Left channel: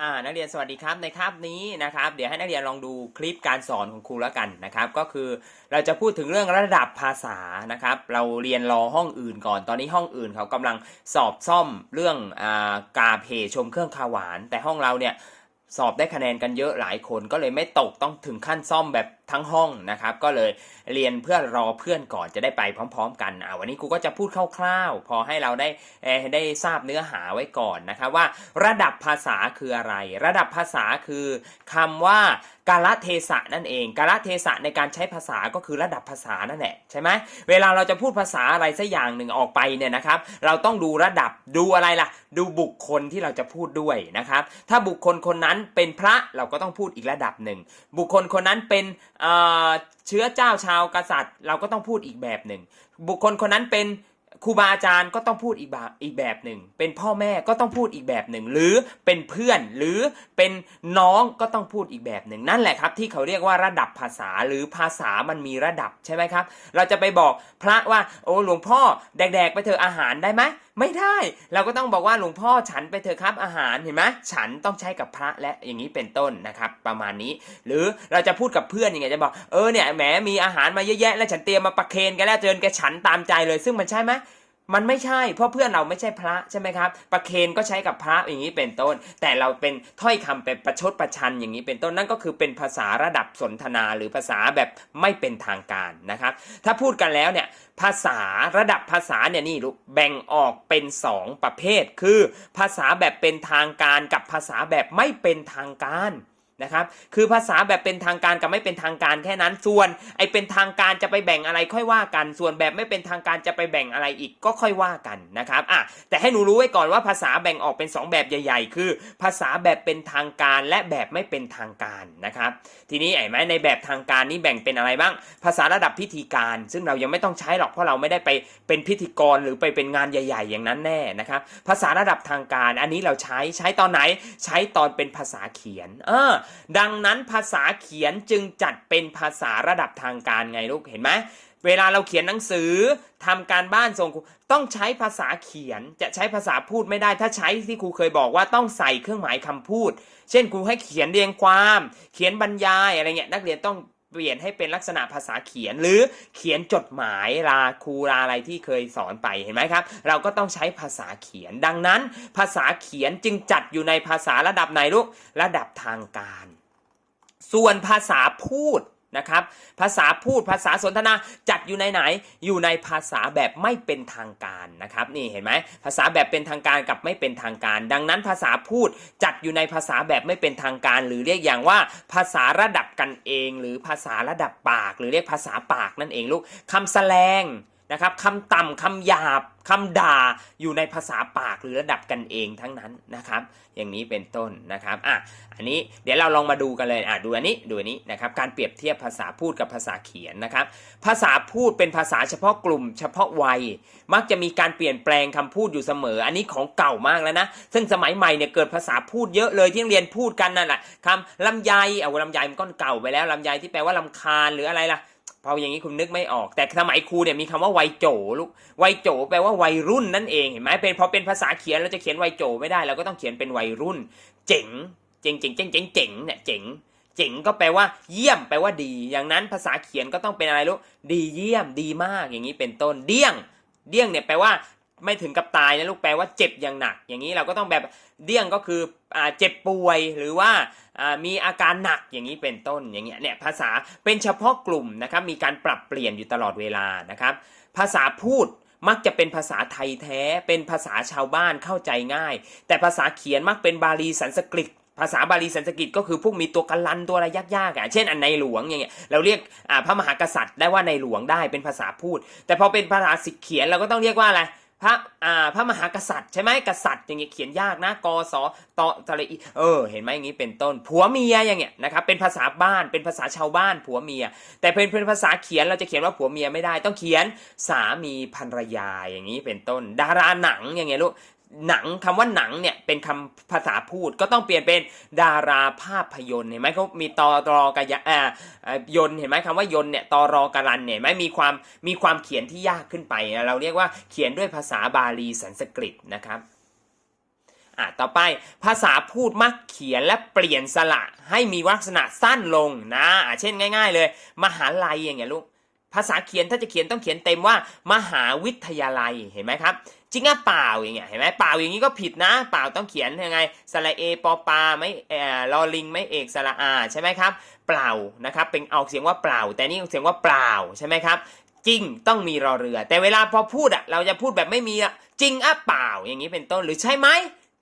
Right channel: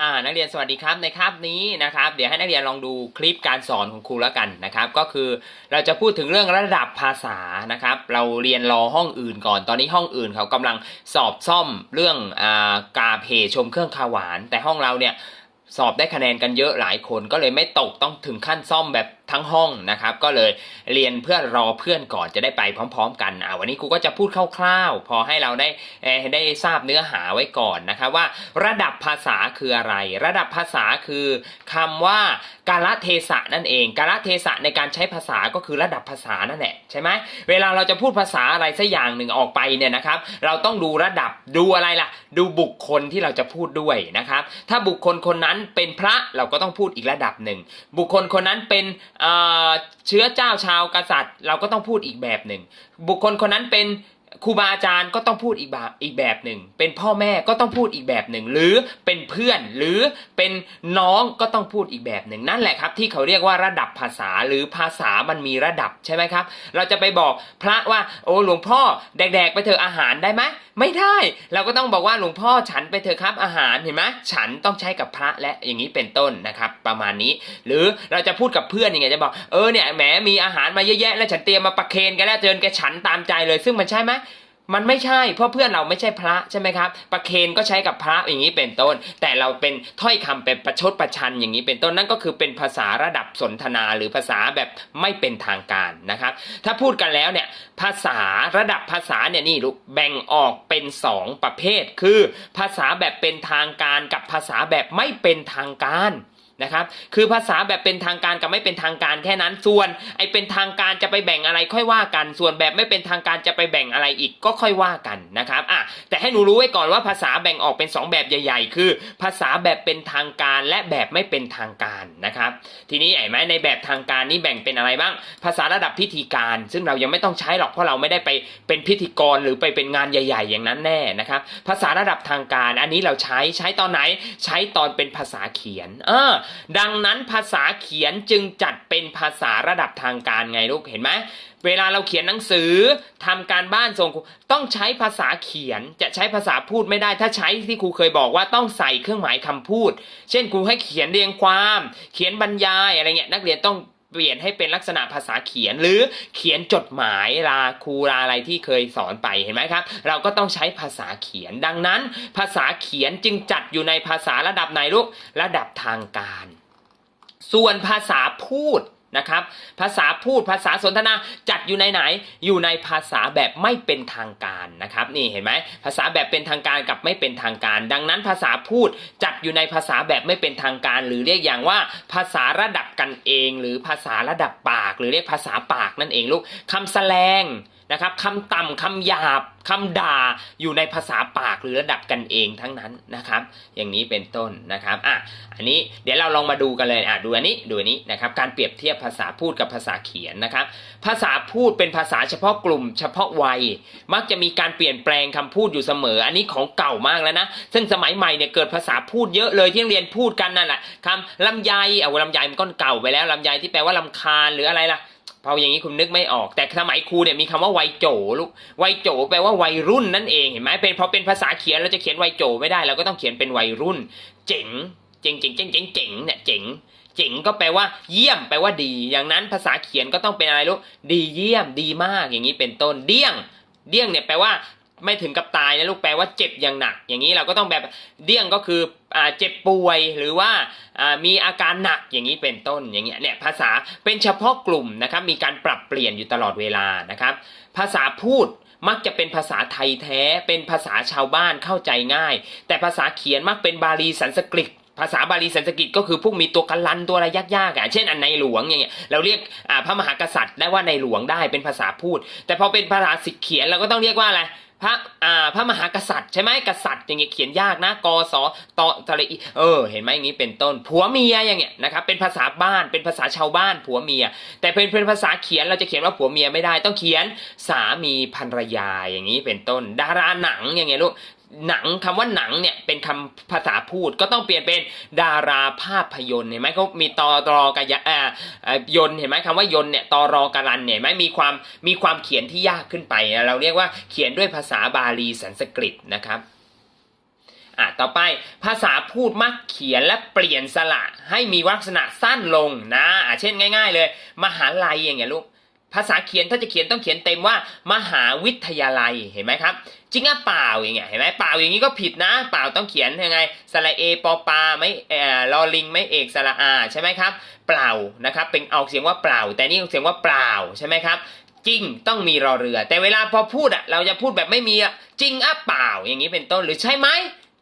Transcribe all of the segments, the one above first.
อ่านักเรียนสวัสดีครับในคาบนี้นะครับ เดี๋ยวให้นักเรียนลองดูคลิปการสอนของครูแล้วกันนะครับ ก็คือเราจะพูดถึงเรื่องระดับภาษานะครับ เราเรียนรอห้องอื่นก่อน ตอนนี้ห้องอื่นเขากำลังสอบซ่อมเรื่องอ่ากาเพชมเครื่องคาหวาน แต่ห้องเราเนี่ย สอบได้คะแนนกันเยอะหลายคนก็เลยไม่ตกต้องถึงขั้นซ่อมแบบทั้งห้องนะครับ ก็เลยเรียนเพื่อรอเพื่อนก่อนจะได้ไปพร้อม ๆ กันอ่าวันนี้ครูก็จะพูดคร่าวๆ พอให้เราได้ได้ทราบเนื้อหาไว้ก่อนนะครับว่า ระดับภาษาคืออะไร ระดับภาษาคือคำว่ากาลเทศะนั่นเองกาลเทศะในการใช้ภาษาก็คือระดับภาษานั่นแหละใช่ไหมเวลาเราจะพูดภาษาอะไรสักอย่างหนึ่งออกไปเนี่ยนะครับ เราต้องดูระดับดูอะไรล่ะ ดูบุคคลที่เราจะพูดด้วยนะครับ ถ้าบุคคลคนนั้นเป็นพระเราก็ต้องพูดอีกระดับหนึ่ง บุคคลคนนั้นเป็นเอ่อเชื้อเจ้าชาวกษัตริย์ เราก็ต้องพูดอีกแบบหนึ่ง บุคคลคนนั้นเป็นครูบาอาจารย์ก็ต้องพูดอีกแบบอีกแบบหนึ่ง เป็นพ่อแม่ก็ต้องพูดอีกแบบหนึ่ง หรือเป็นเพื่อนหรือเป็นน้องก็ต้องพูดอีกแบบหนึ่ง นั่นแหละครับ ที่เขาเรียกว่าระดับภาษาหรือภาษามันมีระดับใช่ไหมครับ เราจะไปบอกพระว่าโอ้หลวงพ่อแดกๆไปเถอะอาหารได้ไหม ไม่ได้ เราก็ต้องบอกว่าหลวงพ่อฉันไปเถอะครับอาหารเห็นไหมฉันต้องใช้กับพระและอย่างนี้เป็นต้นนะครับ ประมาณนี้ หรือเราจะพูดกับเพื่อนยังไงจะบอกเออเนี่ยแหมมีอาหารมาเยอะแยะแล้วฉันเตรียมมาประเคนกันแล้วเจิญแกฉันตามใจเลย ซึ่งมันใช่ไหม มันไม่ใช่เพราะเพื่อนเราไม่ใช่พระใช่ไหมครับประเคนก็ใช้กับพระอย่างนี้เป็นต้น แต่เราเป็นถ้อยคำเป็นประชดประชันอย่างนี้เป็นต้นนั่นก็คือเป็นภาษาระดับสนทนาหรือภาษาแบบไม่เป็นทางการนะครับ ถ้าพูดกันแล้วเนี่ยภาษาระดับภาษาเนี่ยนี่ลูกแบ่งออกเป็น 2 ประเภท คือ ภาษาแบบเป็นทางการกับภาษาแบบไม่เป็นทางการ นะครับคือภาษาแบบเป็นทางการกับไม่เป็นทางการแค่นั้น ส่วนไอเป็นทางการจะไปแบ่งอะไรค่อยว่ากัน ส่วนแบบไม่เป็นทางการจะไปแบ่งอะไรอีกก็ค่อยว่ากันนะครับอะแต่ให้หนูรู้ไว้ก่อนว่าภาษาแบ่งออกเป็น 2 แบบใหญ่ ๆ คือ ภาษาแบบเป็นทางการและแบบไม่เป็นทางการนะครับทีนี้ไอ้ไหมในแบบทางการนี้แบ่งเป็นอะไรบ้าง ภาษาระดับพิธีการ ซึ่งเรายังไม่ต้องใช้หรอกเพราะเราไม่ได้ไปเป็นพิธีกรหรือไปเป็นงานใหญ่ ๆ อย่างนั้นแน่นะครับภาษาระดับทางการ อันนี้เราใช้ใช้ตอนไหนใช้ตอนเป็นภาษาเขียนเออดังนั้นภาษาเขียนจึงจัดเป็นภาษาระดับทางการไงลูกเห็นไหมเวลาเราเขียนหนังสือทำการบ้านส่งครูต้องใช้ภาษาเขียนจะใช้ภาษาพูดไม่ได้ ถ้าใช้ที่ครูเคยบอกว่าต้องใส่เครื่องหมายคำพูด เช่นครูให้เขียนเรียงความ เขียนบรรยายอะไรเงี้ยนักเรียนต้อง เปลี่ยนให้เป็นลักษณะภาษาเขียน หรือเขียนจดหมายลาครูลาอะไรที่เคยสอนไปเห็นไหมครับ เราก็ต้องใช้ภาษาเขียนดังนั้น ภาษาเขียนจึงจัดอยู่ในภาษาระดับไหนลูกระดับทางการ ส่วนภาษาพูด นะครับ ภาษาพูดภาษาสนทนาจัดอยู่ในไหน อยู่ในภาษาแบบไม่เป็นทางการนะครับนี่เห็นไหมภาษาแบบเป็นทางการกับไม่เป็นทางการ ดังนั้นภาษาพูดจัดอยู่ในภาษาแบบไม่เป็นทางการ หรือเรียกอย่างว่าภาษาระดับกันเอง หรือภาษาระดับปาก หรือเรียกภาษาปากนั่นเองลูกคำแสดง นะครับคำต่ำคำหยาบคำด่าอยู่ในภาษาปากหรือระดับกันเองทั้งนั้นนะครับ อย่างนี้เป็นต้นนะครับอะอันนี้เดี๋ยวเราลองมาดูกันเลยอะดูอันนี้ดูอันนี้นะครับการเปรียบเทียบภาษาพูดกับภาษาเขียนนะครับ ภาษาพูดเป็นภาษาเฉพาะกลุ่ม เฉพาะวัย มักจะมีการเปลี่ยนแปลงคำพูดอยู่เสมอ อันนี้ของเก่ามากแล้วนะซึ่งสมัยใหม่เนี่ยเกิดภาษาพูดเยอะเลยที่เรียนพูดกันนั่นแหละคำลำไยเอาลำไยมันก็เก่าไปแล้วลำไยที่แปลว่าลำคาญหรืออะไรล่ะ พออย่างนี้คุณนึกไม่ออก แต่สมัยครูเนี่ยมีคำว่าวัยโจลูกวัยโจแปลว่าวัยรุ่นนั่นเองเห็นไหมเป็นพอเป็นภาษาเขียนเราจะเขียนวัยโจไม่ได้เราก็ต้องเขียนเป็นวัยรุ่น เจ๋งเจ๋งเจ๋งเจ๋งเจ๋งเจ๋งเนี่ยเจ๋งเจ๋งก็แปลว่าเยี่ยมแปลว่าดี อย่างนั้นภาษาเขียนก็ต้องเป็นอะไรลูกดีเยี่ยมดีมากอย่างนี้เป็นต้นเดี้ยง เดี้ยงเนี่ยแปลว่า ไม่ถึงกับตายนะลูกแปลว่าเจ็บอย่างหนัก อย่างนี้เราก็ต้องแบบเดี้ยงก็คืออเจ็บป่วยหรือว่ามีอาการหนักอย่างนี้เป็นต้นอย่างเงี้ยเนี่ยภาษาเป็นเฉพาะกลุ่มนะครับมีการปรับเปลี่ยนอยู่ตลอดเวลานะครับ ภาษาพูดมักจะเป็นภาษาไทยแท้ เป็นภาษาชาวบ้านเข้าใจง่าย แต่ภาษาเขียนมักเป็นบาลีสันสกฤตภาษาบาลีสันสกฤตก็คือพวกมีตัวกันลันตัวอะไรยากๆอะเช่นอันในหลวงอย่างเงี้ยเราเรียกพระมหากษัตริย์ได้ว่าในหลวงได้เป็นภาษาพูด แต่พอเป็นภาษาสิเขียนเราก็ต้องเรียกว่าอะไร พระอ่าพระมหากษัตริย์ใช่ไหมกษัตริย์อย่างเงี้ยเขียนยากนะกสตตะเลีเออ เห็นไหมอย่างนี้เป็นต้นผัวเมียอย่างเงี้ยนะครับเป็นภาษาบ้านเป็นภาษาชาวบ้านผัวเมีย แต่เป็นเป็นภาษาเขียนเราจะเขียนว่าผัวเมียไม่ได้ ต้องเขียนสามีภรรยาอย่างนี้เป็นต้น ดาราหนังอย่างเงี้ยลูก หนังคำว่าหนังเนี่ยเป็นคำภาษาพูดก็ต้องเปลี่ยนเป็นดาราภาพยนตร์เห็นไหมเขามีตอรอกยะอ่าอ่ายนเห็นไหมคำว่ายนเนี่ยตอรอกรันเนี่ยเห็นไหมมีความมีความเขียนที่ยากขึ้นไป เราเรียกว่าเขียนด้วยภาษาบาลีสันสกฤตนะครับอะต่อไปภาษาพูดมักเขียนและเปลี่ยนสระให้มีลักษณะสั้นลงนะะเช่นง่าย ๆ เลย มหาลัยอย่างเงี้ยลูก ภาษาเขียนถ้าจะเขียนต้องเขียนเต็มว่า มหาวิทยาลัยเห็นไหมครับจริงอะเปล่าอย่างเงี้ยเห็นไหมเปล่าอย่างนี้ก็ผิดนะ เปล่าต้องเขียนยังไงสระเอปอปาไม่เอ่อลอลิงไม่เอกสระอาใช่ไหมครับ เปล่านะครับเป็นออกเสียงว่าเปล่า แต่นี่ออกเสียงว่าเปล่าใช่ไหมครับจริงต้องมีรอเรือ แต่เวลาพอพูดอะเราจะพูดแบบไม่มีอะจริงอะเปล่าอย่างนี้เป็นต้นหรือใช่ไหม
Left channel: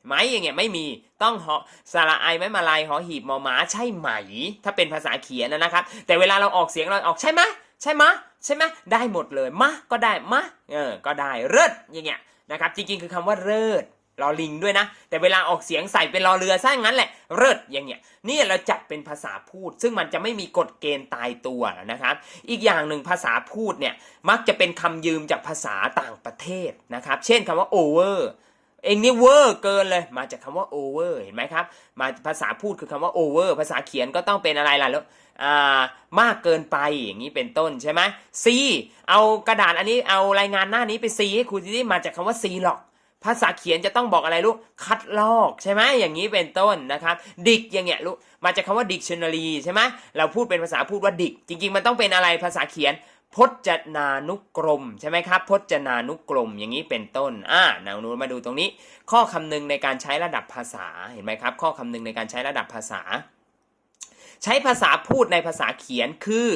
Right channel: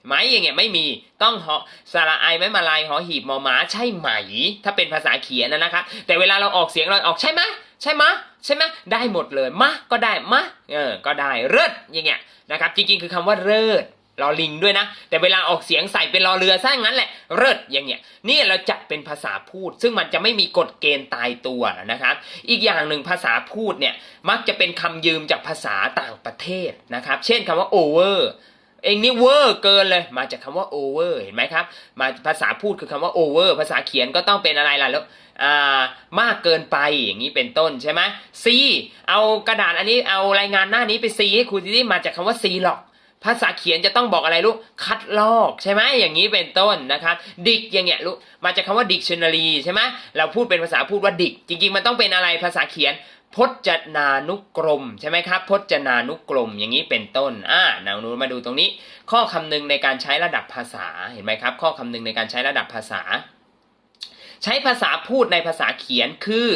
ไหมอย่างเงี้ยไม่มีต้องหอสระไอไม่มาลายหอหีบมอม้าใช่ไหม ถ้าเป็นภาษาเขียนนะนะครับแต่เวลาเราออกเสียงเราออกใช่ไหมใช่ไหมใช่ไหมได้หมดเลยมะก็ได้มะเออก็ได้เลิศอย่างเงี้ยนะครับจริงๆ คือคำว่าเลิศรอลิงด้วยนะ แต่เวลาออกเสียงใส่เป็นรอเรือซะงั้นแหละเลิศอย่างเงี้ยนี่เราจัดเป็นภาษาพูด ซึ่งมันจะไม่มีกฎเกณฑ์ตายตัวนะครับ อีกอย่างหนึ่งภาษาพูดเนี่ยมักจะเป็นคำยืมจากภาษาต่างประเทศนะครับ เช่นคำว่า over เองนี่เวอร์เกินเลย มาจากคำว่า over เห็นไหมครับ มาภาษาพูดคือคำว่า over ภาษาเขียนก็ต้องเป็นอะไรล่ะแล้วมากเกินไปอย่างนี้เป็นต้นใช่ไหม C เอากระดาษอันนี้เอารายงานหน้านี้ไป C ให้ครูที่นี่มาจากคำว่า C หรอก ภาษาเขียนจะต้องบอกอะไรลูกคัดลอกใช่ไหมอย่างนี้เป็นต้นนะครับดิกอย่างเงี้ยลูกมาจากคำว่า dictionary ใช่ไหมเราพูดเป็นภาษาพูดว่าดิก จริงๆมันต้องเป็นอะไรภาษาเขียน พจนานุกรมใช่ไหมครับพจนานุกรมอย่างนี้เป็นต้นอ่าหนูมาดูตรงนี้ ข้อคำนึงในการใช้ระดับภาษาเห็นไหมครับ ข้อคำนึงในการใช้ระดับภาษา ใช้ภาษาพูดในภาษาเขียนคือ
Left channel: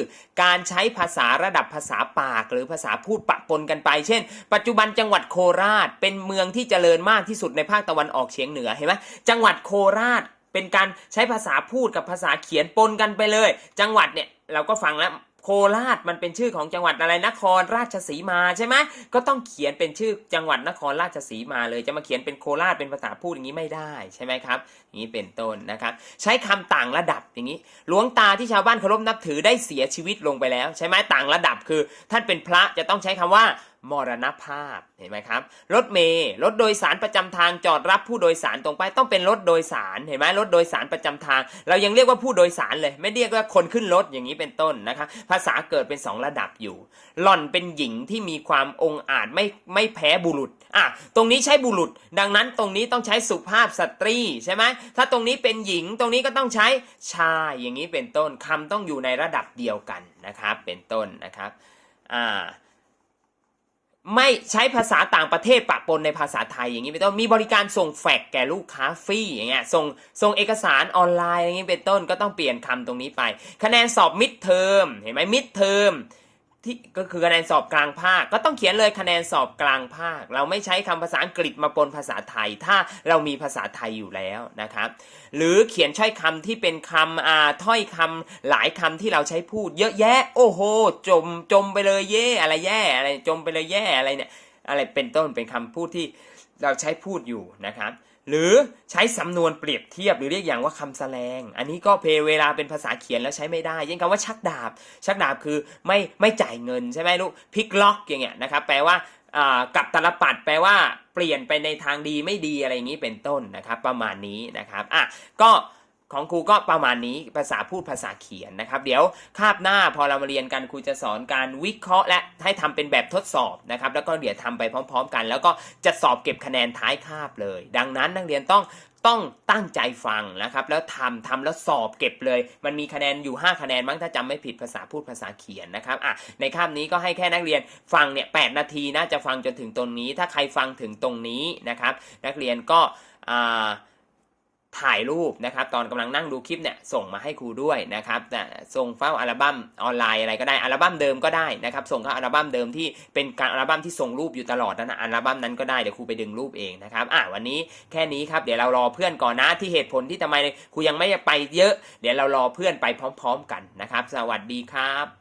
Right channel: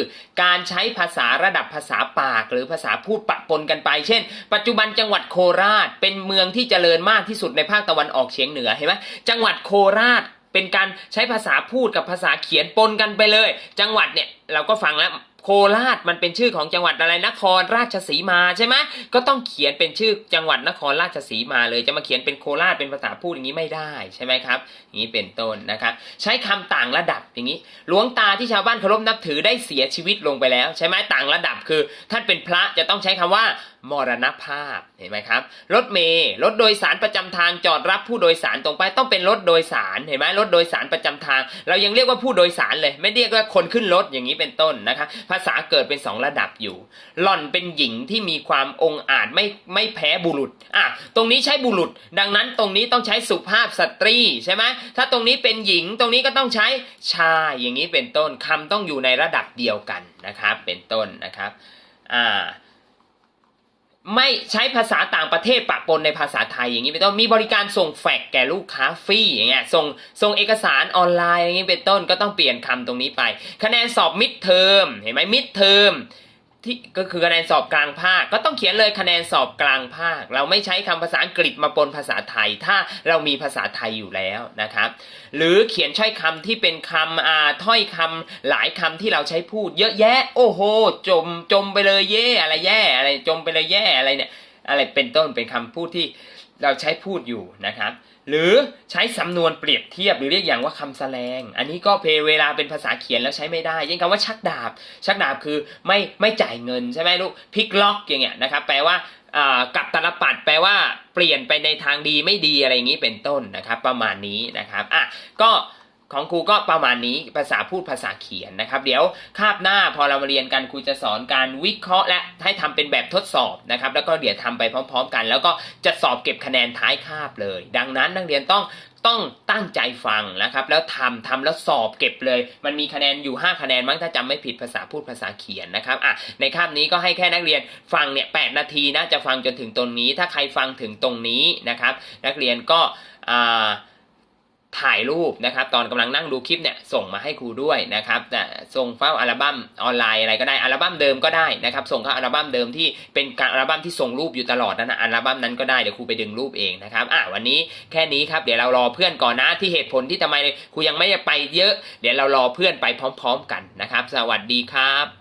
การใช้ภาษาระดับภาษาปาก หรือภาษาพูดปะปนกันไป เช่น ปัจจุบันจังหวัดโคราช เป็นเมืองที่เจริญมากที่สุดในภาคตะวันออกเฉียงเหนือเห็นไหมจังหวัดโคราชเป็นการใช้ภาษาพูดกับภาษาเขียนปนกันไปเลย จังหวัดเนี่ยเราก็ฟังแล้ว โคราชมันเป็นชื่อของจังหวัดอะไรนครราชสีมาใช่ไหมก็ต้องเขียนเป็นชื่อจังหวัดนครราชสีมาเลยจะมาเขียนเป็นโคราชเป็นภาษาพูดอย่างนี้ไม่ได้ใช่ไหมครับอย่างนี้เป็นต้นนะครับ ใช้คำต่างระดับอย่างนี้หลวงตาที่ชาวบ้านเคารพนับถือได้เสียชีวิตลงไปแล้ว ใช่ไหมต่างระดับคือ ท่านเป็นพระจะต้องใช้คำว่า มรณภาพเห็นไหมครับรถเมล์รถโดยสารประจำทางจอดรับผู้โดยสารตรงไปต้องเป็นรถโดยสารเห็นไหมรถโดยสารประจำทาง เรายังเรียกว่าผู้โดยสารเลย ไม่เรียกว่าคนขึ้นรถอย่างนี้เป็นต้นนะครับภาษาเกิดเป็นสองระดับอยู่หล่อนเป็นหญิงที่มีความองอาจไม่ไม่แพ้บุรุษอะตรงนี้ใช้บุรุษ ดังนั้นตรงนี้ต้องใช้สุภาพสตรีใช่ไหมถ้าตรงนี้เป็นหญิงตรงนี้ก็ต้องใช้ชายอย่างนี้เป็นต้นคำต้องอยู่ในระดับเดียวกันนะครับเป็นต้นนะครับอ่า ไม่ใช้ภาษาต่างประเทศปะปนในภาษาไทยอย่างนี้เป็นต้นมีบริการส่งแฟกแก่ลูกค้าฟรีอย่างเงี้ยส่งส่งเอกสารออนไลน์อย่างนี้เป็นต้นก็ต้องเปลี่ยนคำตรงนี้ไป คะแนนสอบมิดเทอมเห็นไหมมิดเทอม ที่ก็คือคะแนนสอบกลางภาค ก็ต้องเขียนเลยคะแนนสอบกลางภาค เราไม่ใช้คำภาษาอังกฤษมาปนภาษาไทย ถ้าเรามีภาษาไทยอยู่แล้วนะครับหรือเขียนใช้คำที่เป็นคำอ่าถ้อยคำหลายคำที่เราใช้พูด เยอะแยะ โอ้โห จมจมไปเลยเย่อะไรแย่อะไรจมไปเลยแย่อะไรเนี่ยอะไรเป็นต้นเป็นคำพูดที่ เราใช้พูดอยู่นะครับ หรือใช้สำนวนเปรียบเทียบหรือเรียกอย่างว่าคำแสดง อันนี้ก็เพเวลาเป็นภาษาเขียนแล้วใช้ไม่ได้เช่นคำว่าชักดาบ ชักดาบคือไม่ไม่จ่ายเงินใช่ไหมลูกพลิกล็อกอย่างเงี้ยนะครับแปลว่ากับตลปัดแปลว่าเปลี่ยนไปในทางดีไม่ดีอะไรอย่างนี้เป็นต้นนะครับ ประมาณนี้นะครับอะก็ ของครูก็ประมาณนี้ภาษาพูดภาษาเขียนนะครับ เดี๋ยวคาบหน้าพอเรามาเรียนกันครูจะสอนการวิเคราะห์ และให้ทำเป็นแบบทดสอบนะครับ แล้วก็เดี๋ยวทำไปพร้อม ๆ กัน แล้วก็จะสอบเก็บคะแนนท้ายคาบเลย ดังนั้นนักเรียนต้องต้องตั้งใจฟังนะครับ แล้วทำทำแล้วสอบเก็บเลย มันมีคะแนนอยู่ 5 คะแนนมั้งถ้าจำไม่ผิดภาษาพูดภาษาเขียนนะครับอะในคาบนี้ก็ให้แค่นักเรียนฟังเนี่ยแนาทีนะจะฟังจนถึงตรงนี้ ถ้าใครฟังถึงตรงนี้นะครับ นักเรียนก็อ่า ถ่ายรูปนะครับ ตอนกำลังนั่งดูคลิปเนี่ยส่งมาให้ครูด้วยนะครับส่งเฝ้าอัลบั้มออนไลน์อะไรก็ได้อัลบั้มเดิมก็ได้นะครับ ส่งเข้าอัลบั้มเดิมที่เป็นการอัลบั้มที่ส่งรูปอยู่ตลอดนั่นนะอัลบั้มนั้นก็ได้เดี๋ยวครูไปดึงรูปเองนะครับอะวันนี้แค่นี้ครับเดี๋ยวเรารอเพื่อนก่อนนะที่เหตุผลที่ทำไมครูยังไม่ไปเยอะ เดี๋ยวเรารอเพื่อนไปพร้อม ๆ กันนะครับ สวัสดีครับ